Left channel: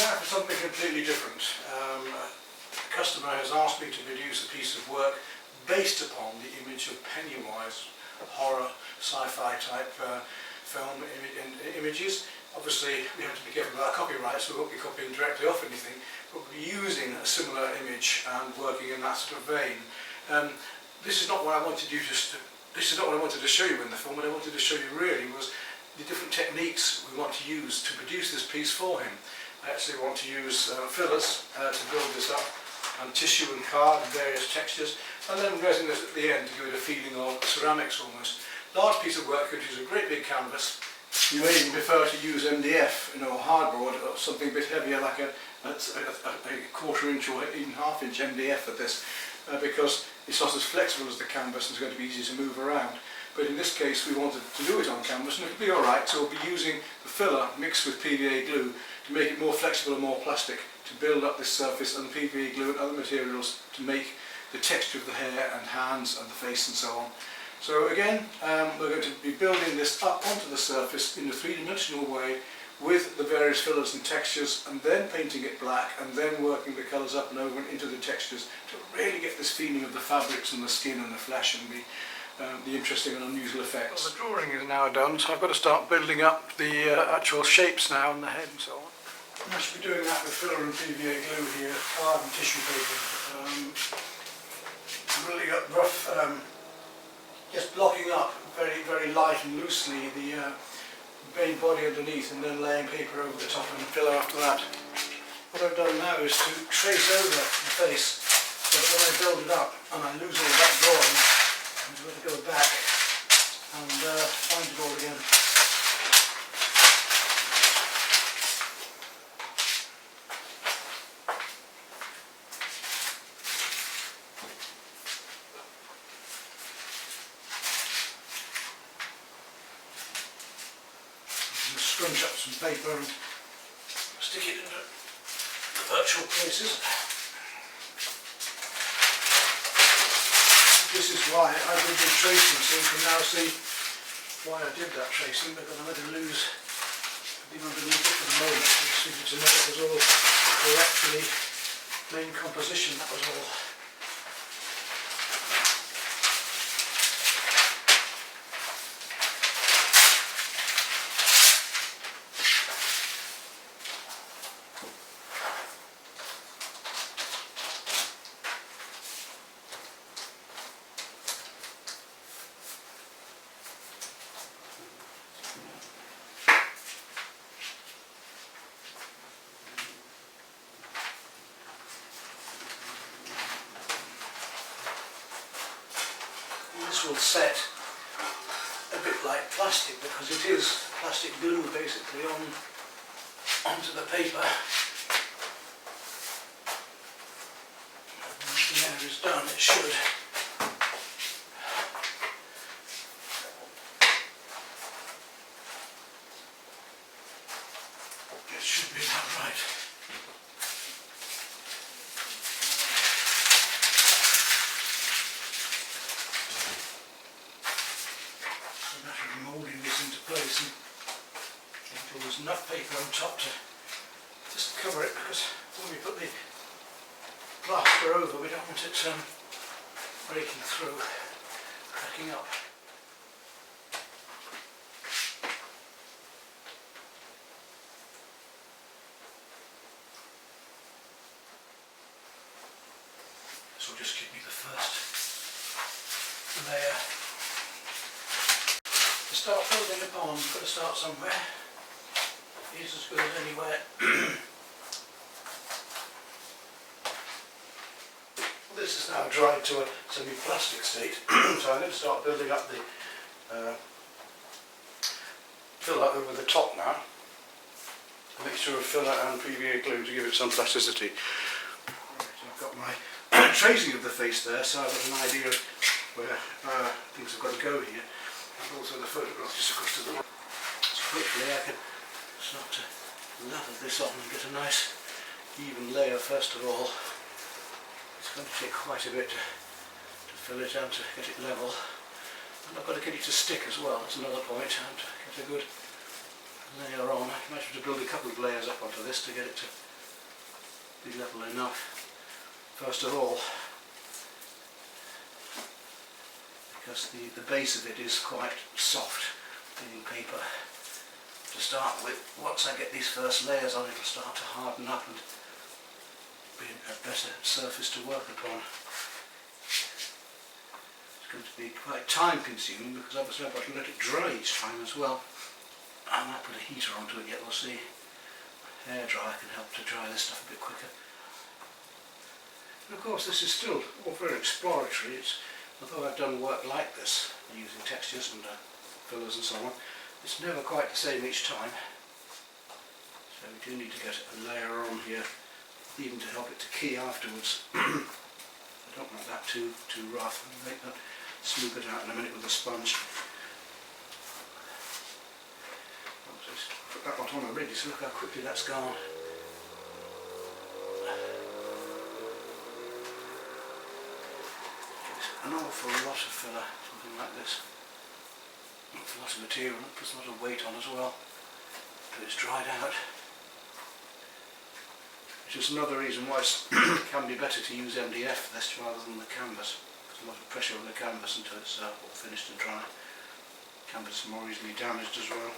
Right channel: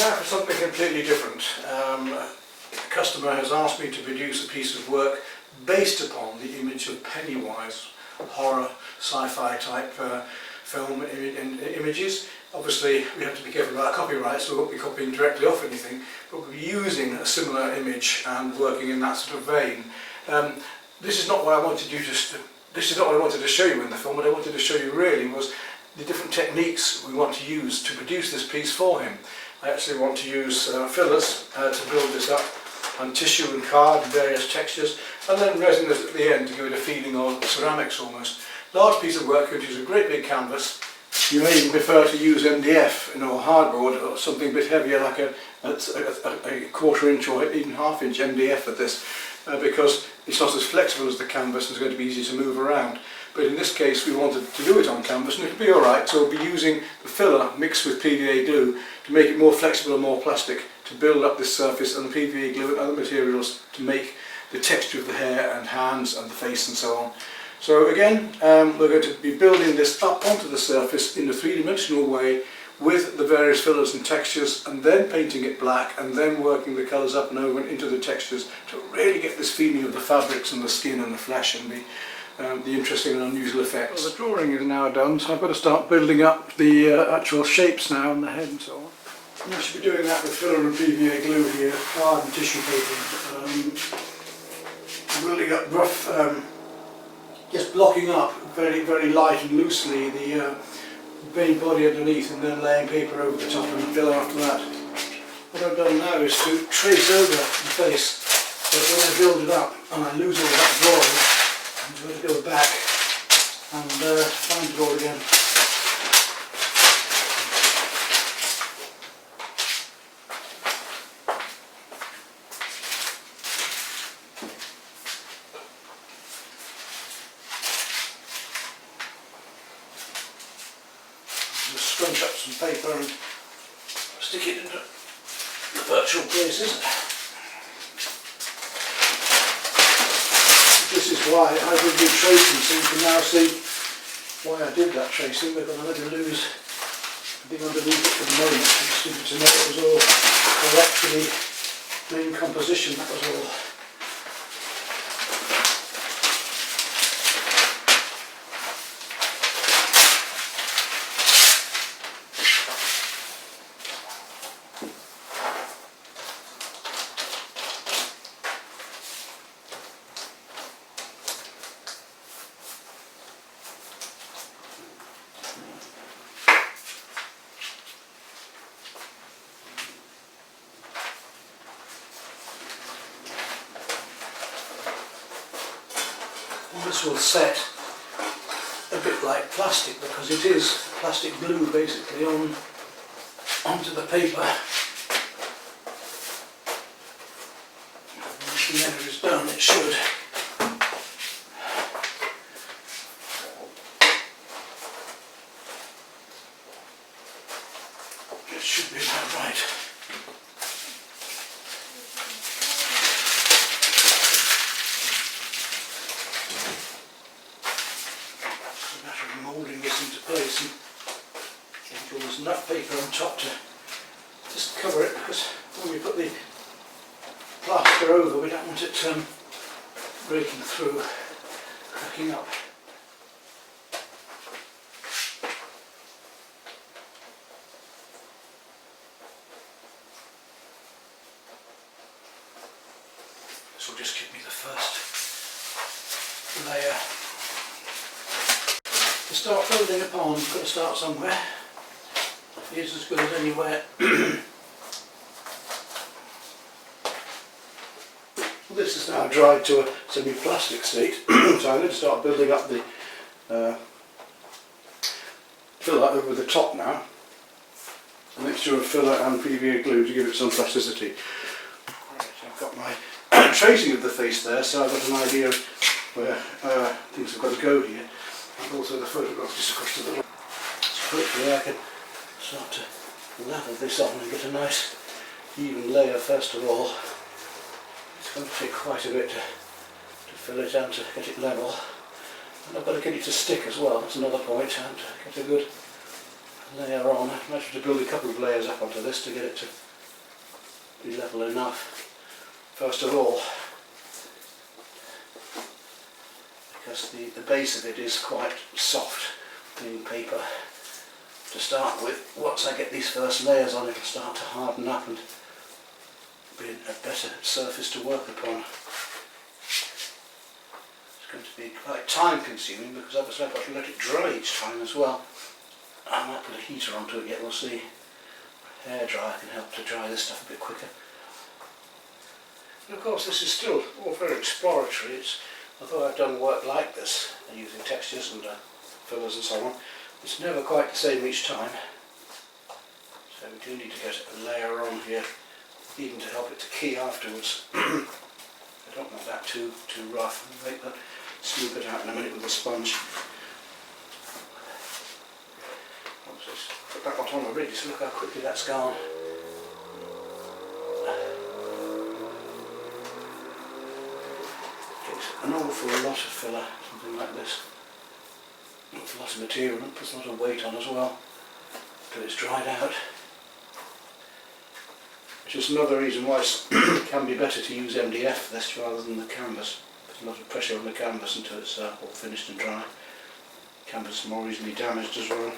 now for something completely different. The customer has asked me to produce a piece of work based upon the image of Pennywise, horror, sci-fi type film images. Obviously we have to be careful about copyright, so we won't be copying directly off anything, but we'll be using a similar image and working in that sort of vein. This is not what I wanted you this is not what I wanted to show you in the film. What I wanted to show you really was the different techniques we want to use to produce this piece for him. I actually want to use fillers to build this up, and tissue and card and various textures, and then resin at the end to give it a feeling of ceramics almost. Large piece of work, which is a great big canvas. You may even prefer to use MDF, or hardboard, or something a bit heavier like a 1/4 inch or even 1/2 inch MDF for this, because it's not as flexible as the canvas and it's going to be easy to move around. But in this case we wanted to do it on canvas, and it'll be alright, so we'll be using the filler mixed with P.V.A. glue to make it more flexible and more plastic, to build up this surface, and the P.V.A. glue and other materials to make the texture of the hair and hands and the face and so on. So again, we're going to be building this up onto the surface in a three-dimensional way with the various fillers and textures, and then painting it black, and then working the colours up and over and into the textures to really get this feeling of the fabrics and the skin and the flesh and the interesting and unusual effects. Well, the drawing is now done, so I've got to start building up the actual shapes now and the head and so on. And I should be doing that with filler and P.V.A. glue here, hard and tissue paper. Building up rough, just blocking up very light and loosely the main body underneath, and then laying paper over the top and fill after that. What I've done now is to trace over the face, so that when I build it up and I lose all that drawing, I'm going to go back and find it all again. Just scrunch up some paper and stick it into the virtual places. This is why I will do tracing, so you can now see why I did that tracing, because I'm going to lose the thing underneath it for the moment. I just needed to know it was all correct for the main composition, that was all. This will set a bit like plastic, because it is plastic glue basically onto the paper. Once the end is done, it should. It should be about right. Moulding this into place, and there's enough paper on top to just cover it, because when we put the plaster over we don't want it breaking through, cracking up. This will just give me the first layer. To start building upon, you've got to start somewhere. Here's as good as anywhere. Well, this is now dried to a semi-plastic state, so I'm going to start building up the filler over the top now. A mixture of filler and P.V.A. glue to give it some plasticity. Right, I've got my tracing of the face there, so I've got an idea of where things have got to go here. And also the photograph just across to the right. So quickly I can start to lather this on and get a nice even layer first of all. It's going to take quite a bit to fill it and to get it level. And I've got to get it to stick as well, that's another point, and get a good layer on. I might have to build a couple of layers up onto this to get it to be level enough, first of all, because the base of it is quite soft, being paper to start with. Once I get these first layers on, it'll start to harden up and be a better surface to work upon. It's going to be quite time consuming because obviously I've got to let it dry each time as well. I might put a heater onto it yet, we'll see. A hairdryer can help to dry this stuff a bit quicker. And of course this is still all very exploratory. I thought I'd done work like this, using textures and fillers and so on. It's never quite the same each time. So we do need to get a layer on here, even to help it to key afterwards. I don't want that too rough. Smooth it out in a minute with a sponge. Put that one on already, so look how quickly that's gone. Takes an awful lot of filler, something like this. An awful lot of material, and puts a lot of weight on as well, until it's dried out. Which is another reason why it can be better to use MDF for this rather than the canvas. Puts a lot of pressure on the canvas until it's all finished and dry. Canvas is more easily damaged as well.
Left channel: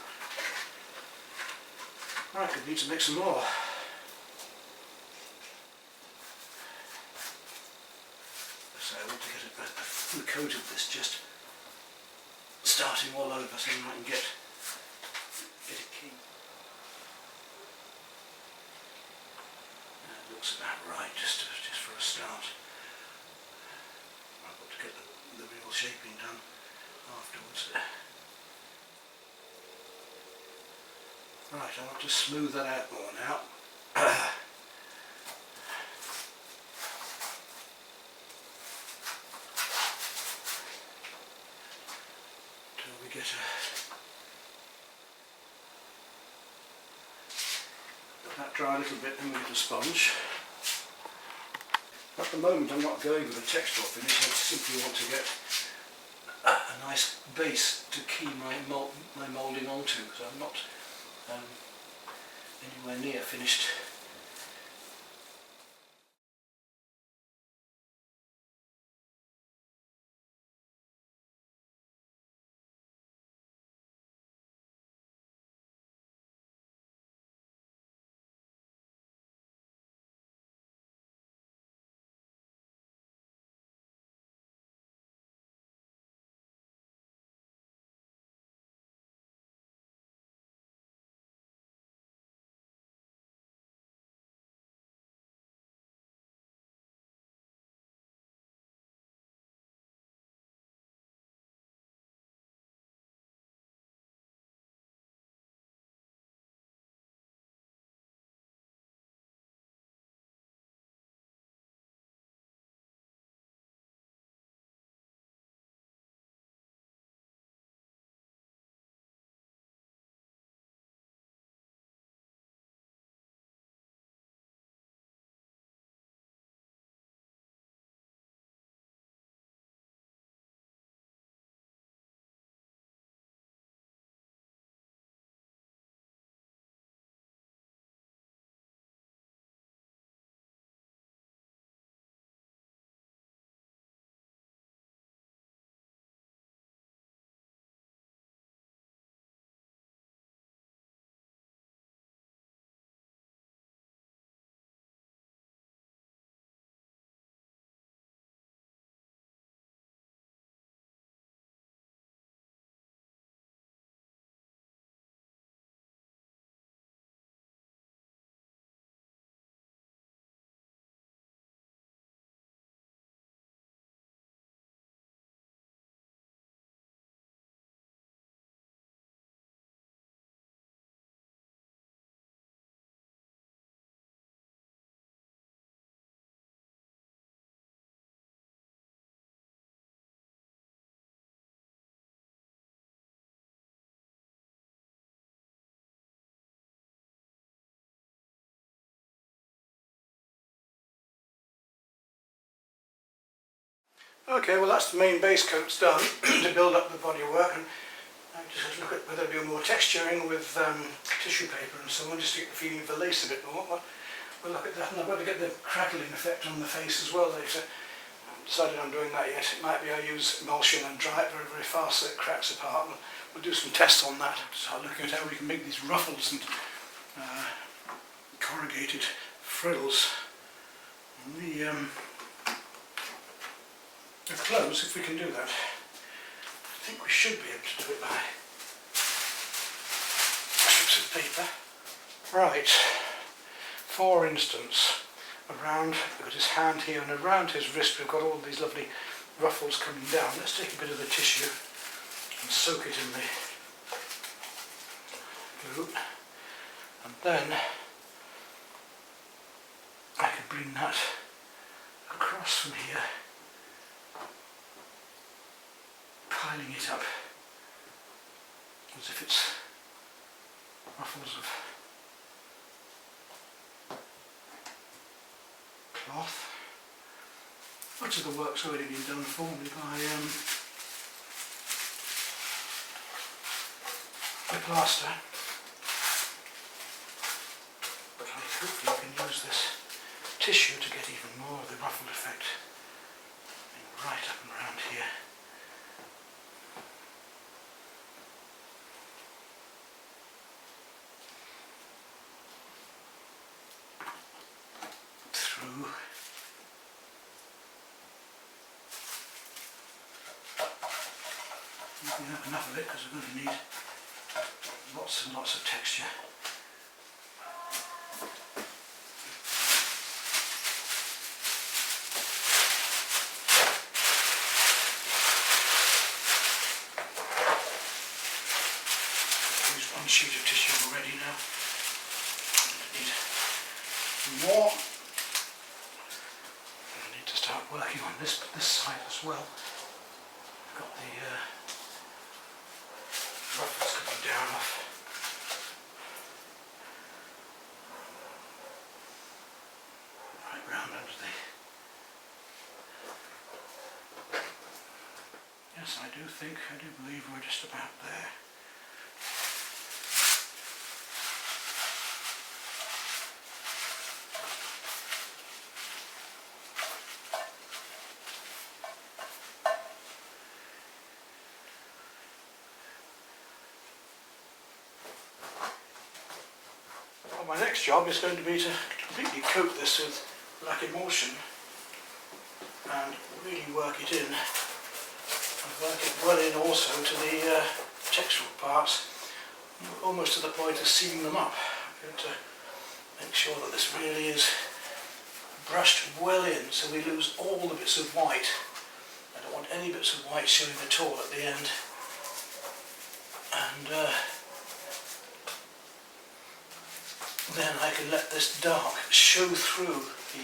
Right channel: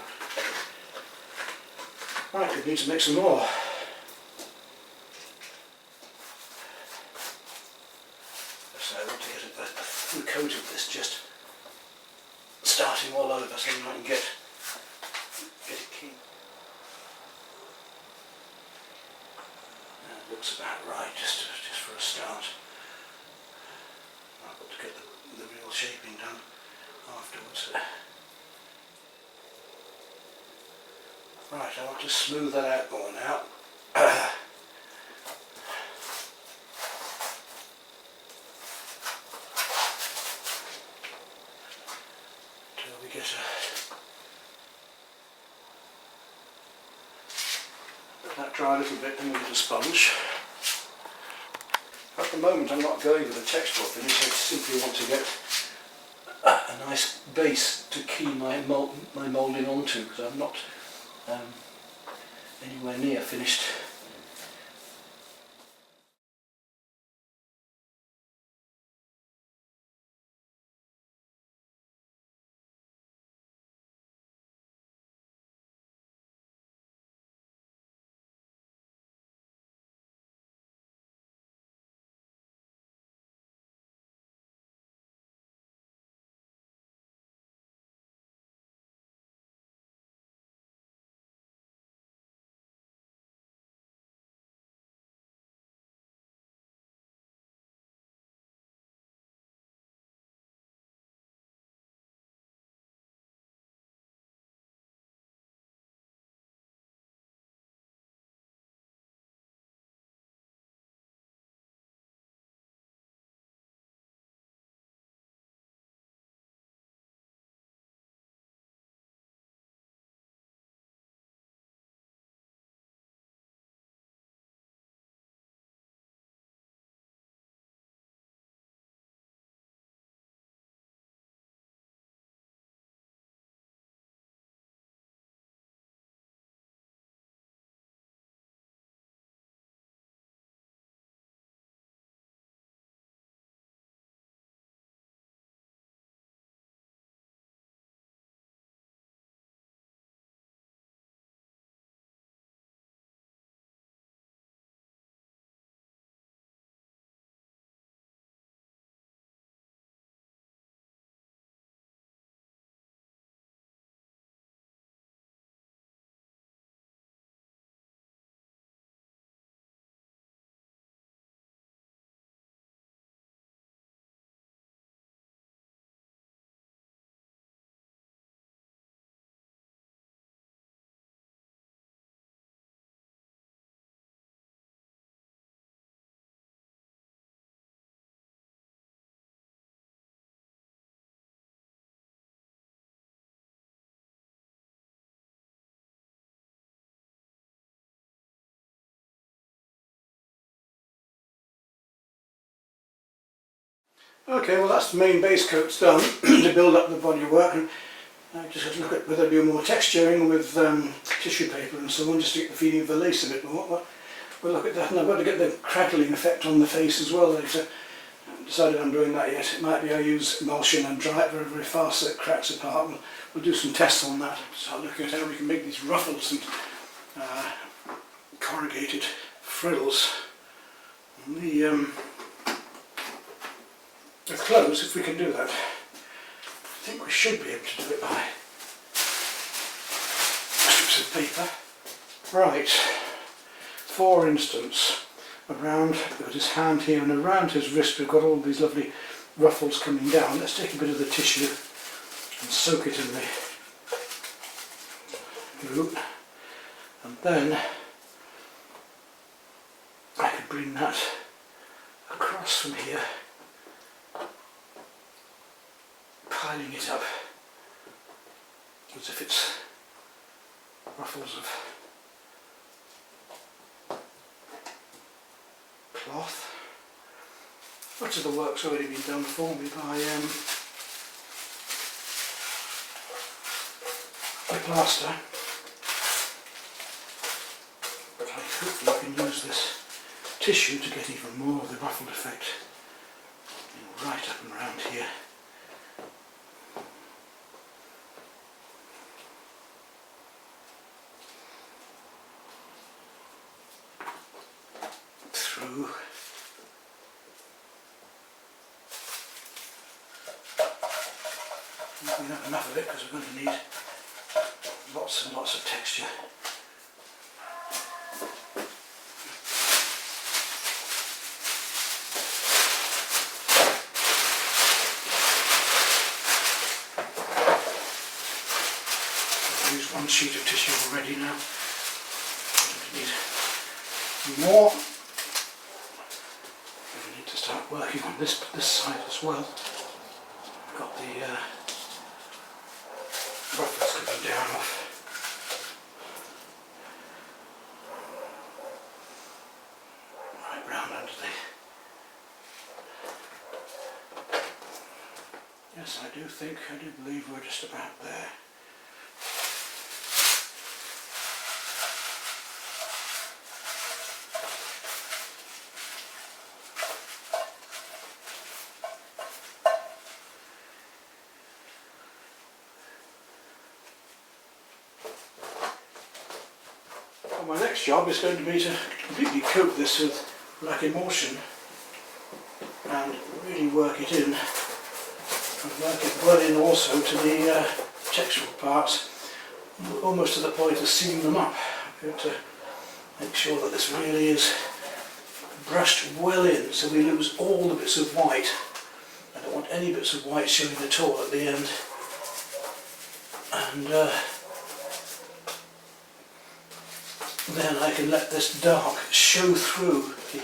Right, we need to make some more. So I want to get a full coat of this, just starting all over, so I can get it key. That looks about right, just for a start. I've got to get the real shaping done afterwards. Right, I want to smooth that out more now. Until we get let that dry a little bit, then we get a sponge. At the moment I'm not going with a textural finish, I simply want to get a nice base to key my moulding onto, because I'm not anywhere near finished. Okay, well that's the main base coat's done to build up the bodywork, and I just have to look at whether I do more texturing with tissue paper and so on, just to get the feeling of the lace a bit more. But We'll look at that, and I've got to get the crackling effect on the face as well later. I haven't decided I'm doing that yet. It might be I use emulsion and dry it very, very fast so it cracks apart. We'll do some tests on that, start looking at how we can make these ruffles and corrugated frills on the clothes, if we can do that. I think we should be able to do it by strips of paper. Right, for instance, around, we've got his hand here, and around his wrist we've got all these lovely ruffles coming down. Let's take a bit of the tissue and soak it in the glue, and then I could bring that across from here, piling it up as if it's ruffles of cloth. Much of the work's already been done for me by the plaster, but I hopefully can use this tissue to get even more of the ruffled effect right up and around here. Through we can have enough of it because we're going to need lots and lots of texture. I've used one sheet of tissue already now. I need more. We need to start working on this side as well. I've got the ruffles coming down off. Right round under the... Yes, I do believe we're just about there. My next job is going to be to completely coat this with black emulsion and really work it in, and work it well in also to the textural parts, almost to the point of sealing them up. I'm going to make sure that this really is brushed well in so we lose all the bits of white. I don't want any bits of white showing at all at the end. And then I can let this dark show through the,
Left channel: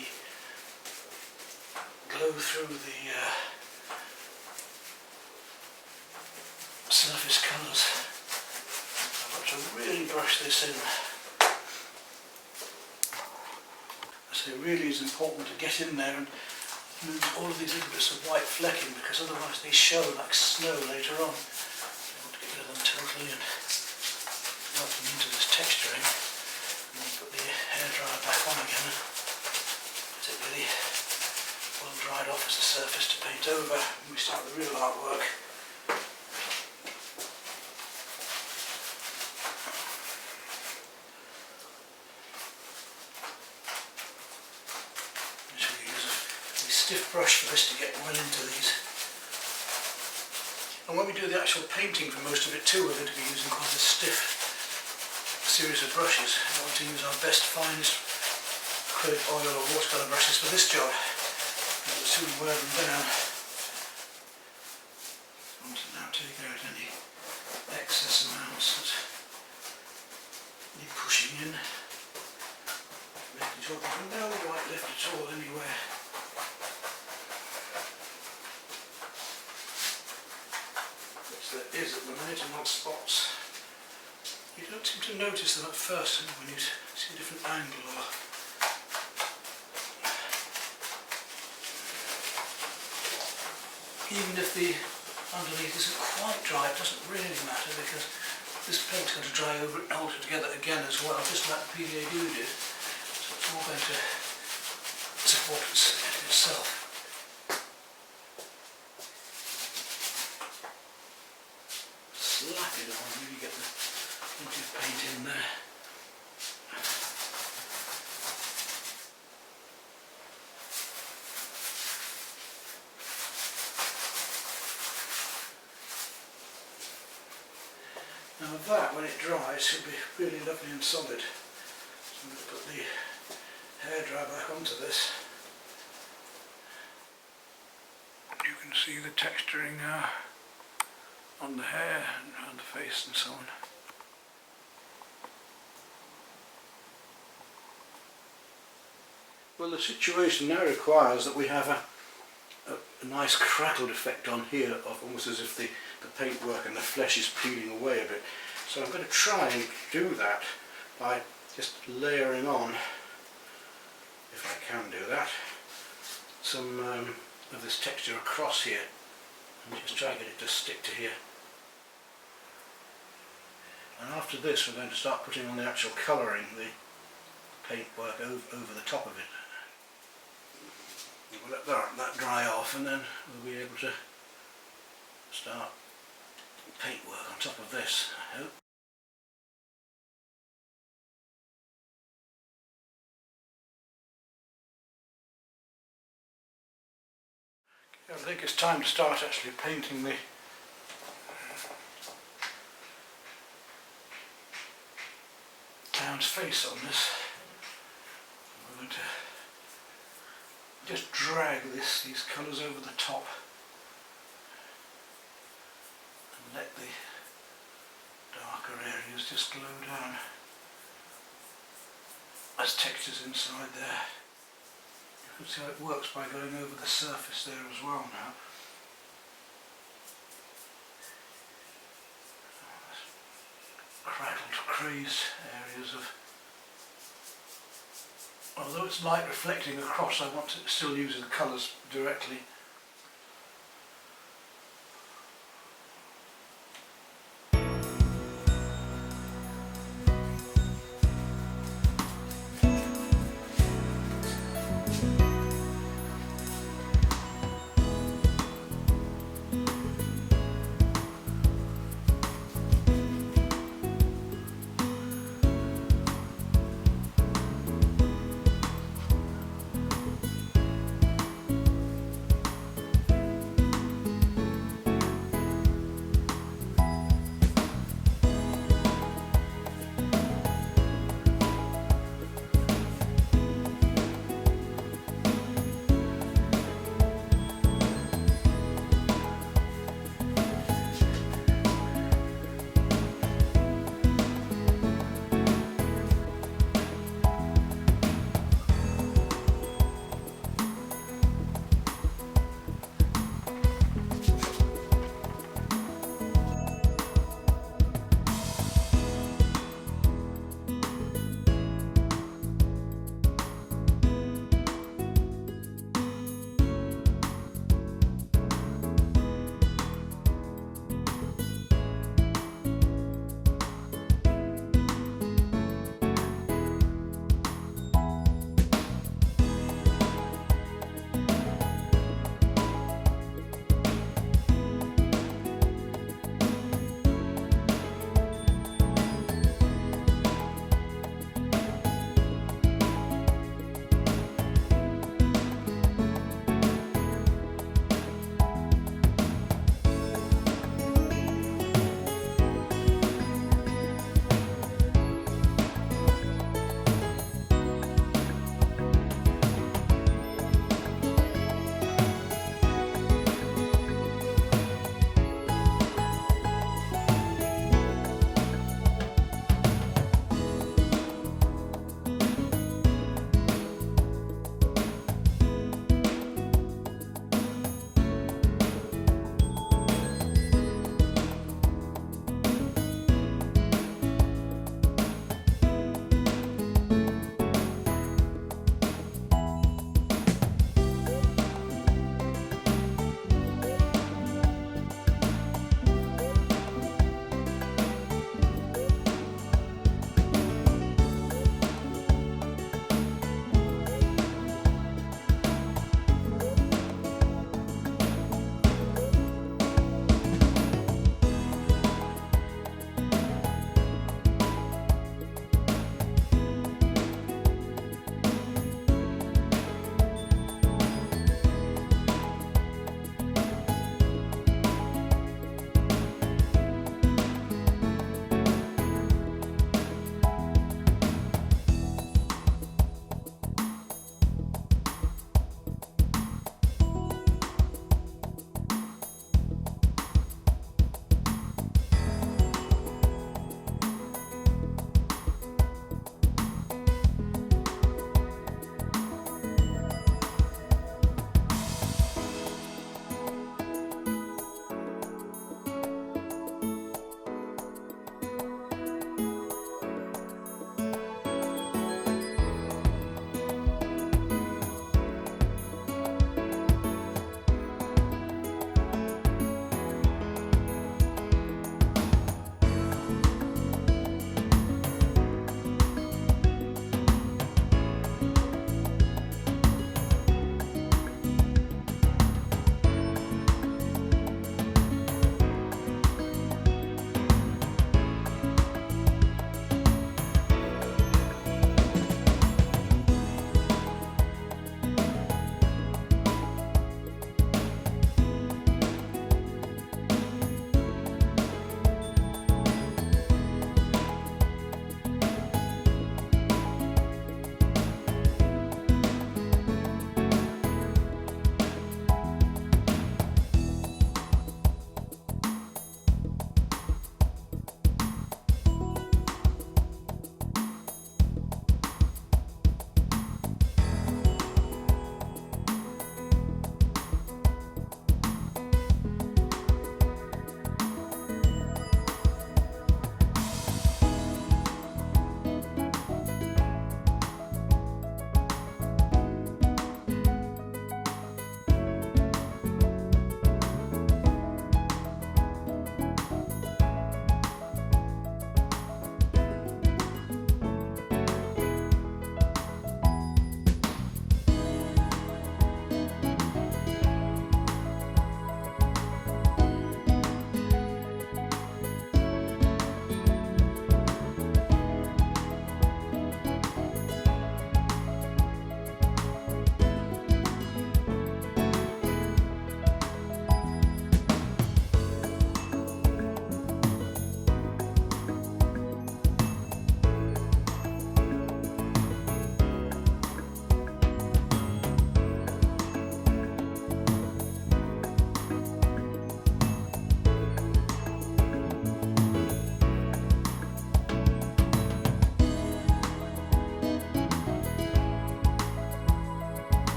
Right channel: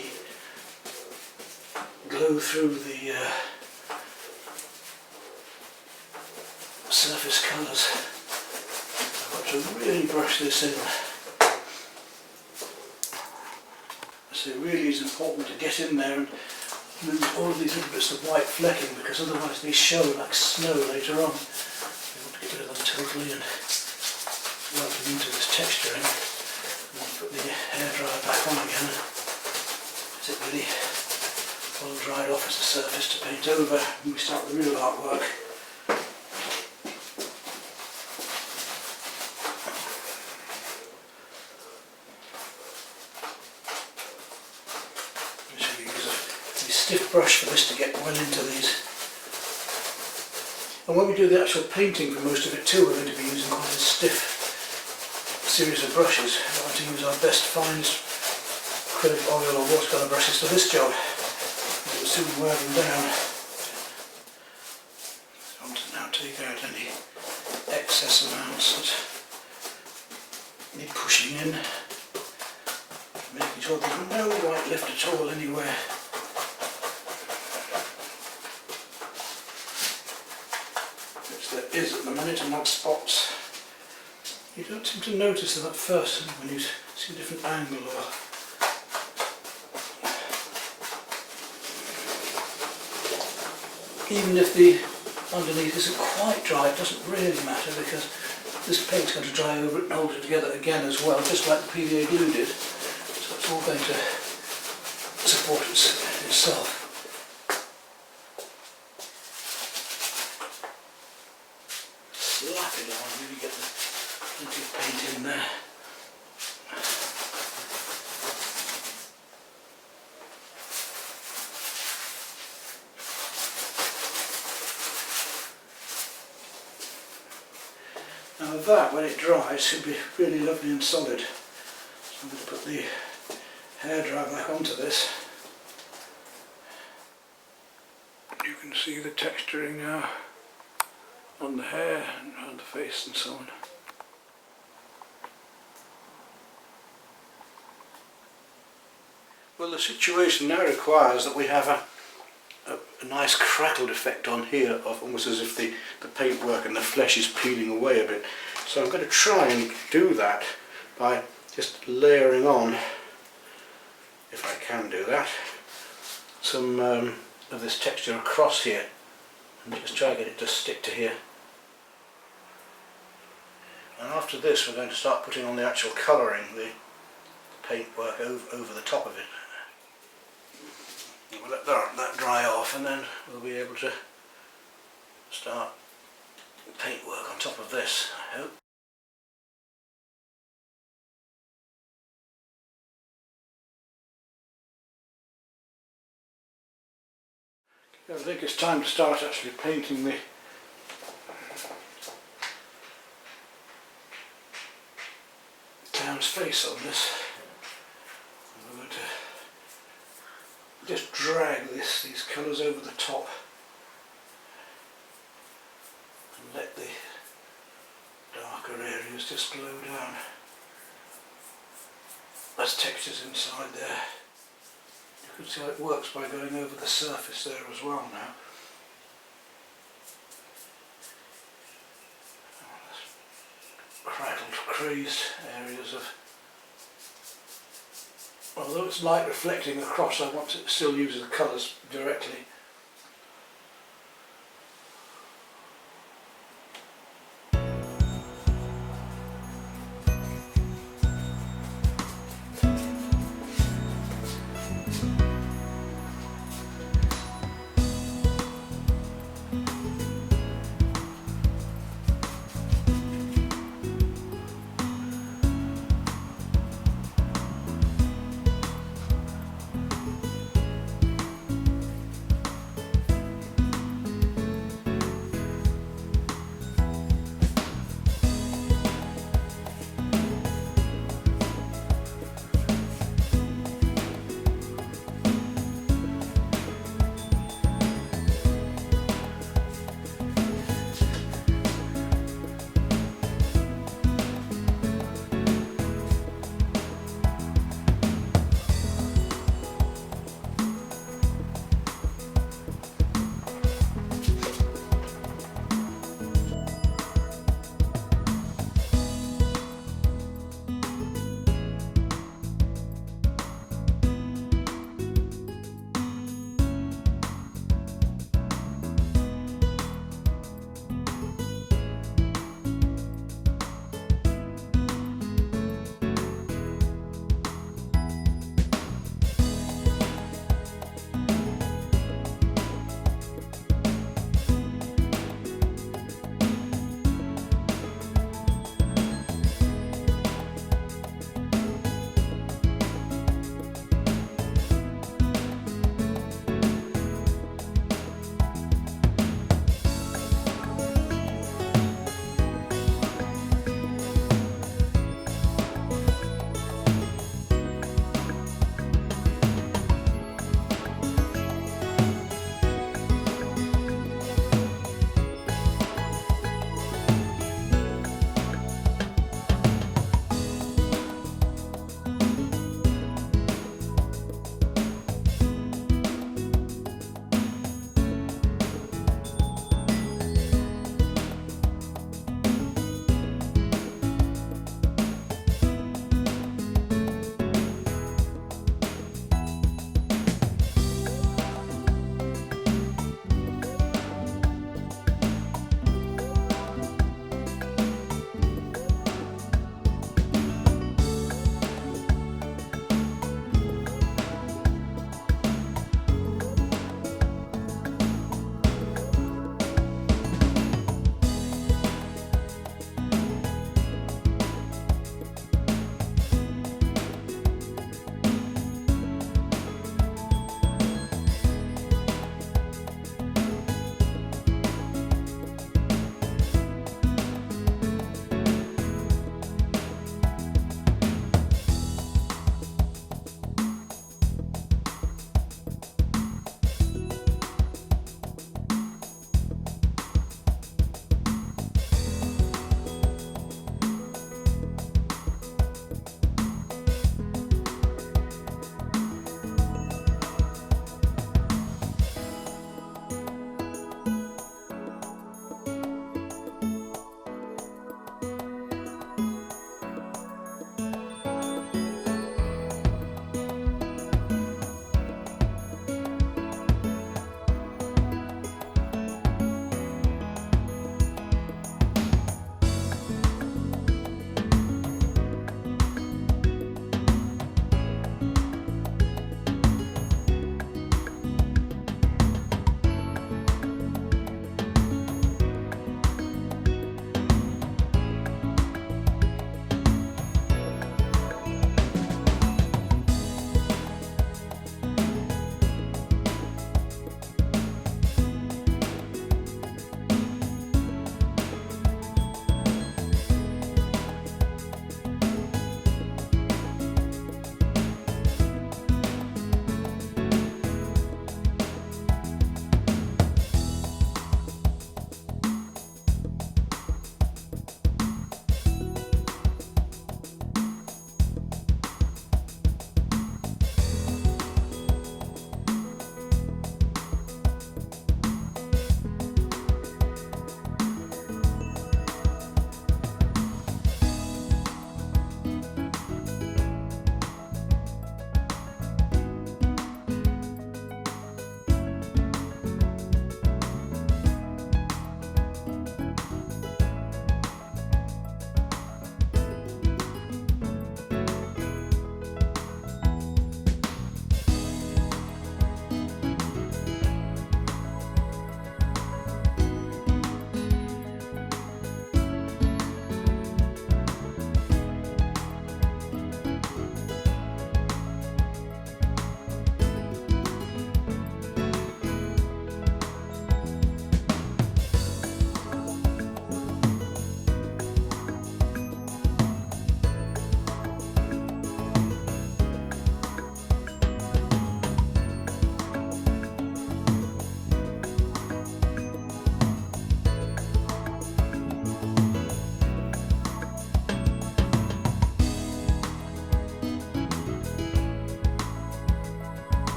glow through the surface colours. I've got to really brush this in. So it really is important to get in there and lose all of these little bits of white flecking, because otherwise they show like snow later on. We want to get rid of them totally and work them into this texturing. Put the hairdryer back on again, let it really well dried off as a surface to paint over when we start the real artwork. I'm just going to use a stiff brush for this to get well into these. And when we do the actual painting for most of it too, we're going to be using quite a stiff series of brushes. I want to use our best, finest acrylic oil or watercolour brushes for this job. It will soon wear them down. I want to now take out any excess amounts that need pushing in, making sure there's no white left at all anywhere. Which there is at the minute, amongst spots. You don't seem to notice them at first when you see a different angle, or even if the underneath isn't quite dry, it doesn't really matter, because this paint's going to dry over it and hold it together again as well, just like the P.V.A. glue did. So it's all going to support itself. Slap it on, really get plenty of paint in there. Now that, when it dries, should be really lovely and solid. So I'm going to put the hairdryer back onto this. You can see the texturing now on the hair and around the face and so on. Well, the situation now requires that we have a nice crackled effect on here, of almost as if the paintwork and the flesh is peeling away a bit. So I'm going to try and do that by just layering on, if I can do that, some of this texture across here, and just try to get it to stick to here. And after this we're going to start putting on the actual colouring, the paintwork over the top of it. We'll let that dry off, and then we'll be able to start paintwork on top of this, I hope. I think it's time to start actually painting the town's face on this. We're going to just drag these colours over the top and let the darker areas just glow down. There's textures inside there. You can see how it works by going over the surface there as well now. Crackled, crazed areas of... Although it's light reflecting across, I want to still use the colours directly.